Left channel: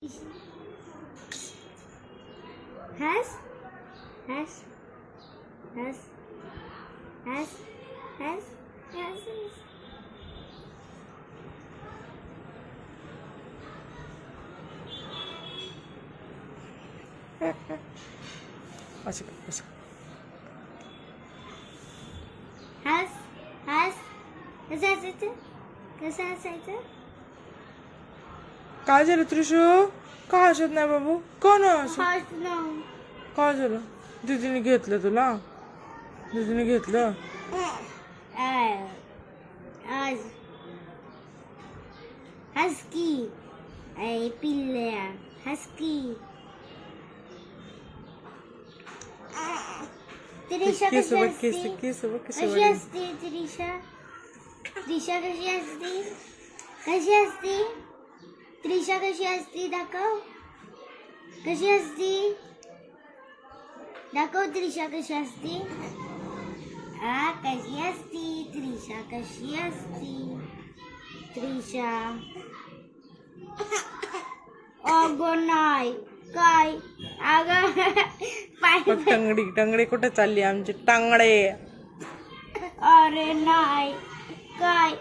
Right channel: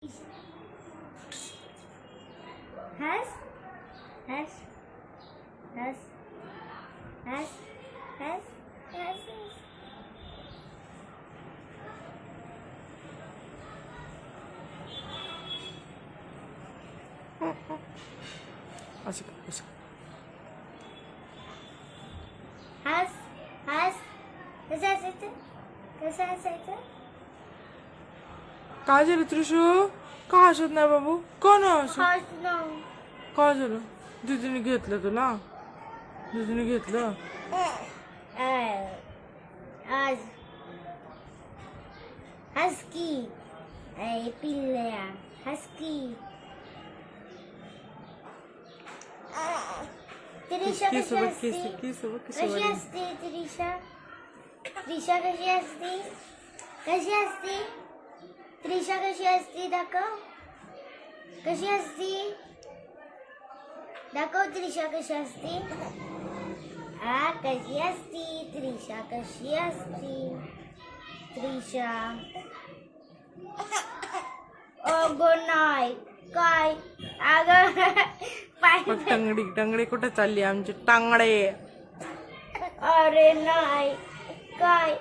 Has? Has? Has? Has? Has? Has? Açık açık. Has? Has? Has has has has has has काय झालं त्रिशू? का हसत नाही बाबू? का नाही हसत हसणं काय झालं? दीदीने घेतलं तुला? दीदीने घेतलं? आज हस्की पिल्ल्या हस्की त्रिशा केस केस केस कशी. असते त्रिशा? त्रिशा कशी असते कशी असते त्रिशा कशी असते दाखव कशी असते दाखव त्रिशा कशी असते हा कशी असती त्रिशा कशी असती त्रिशा अगं नाही काय अगं पाय बघ टंगडी टंगडी कुठे चालली आमची टांगडे अरे नाही काय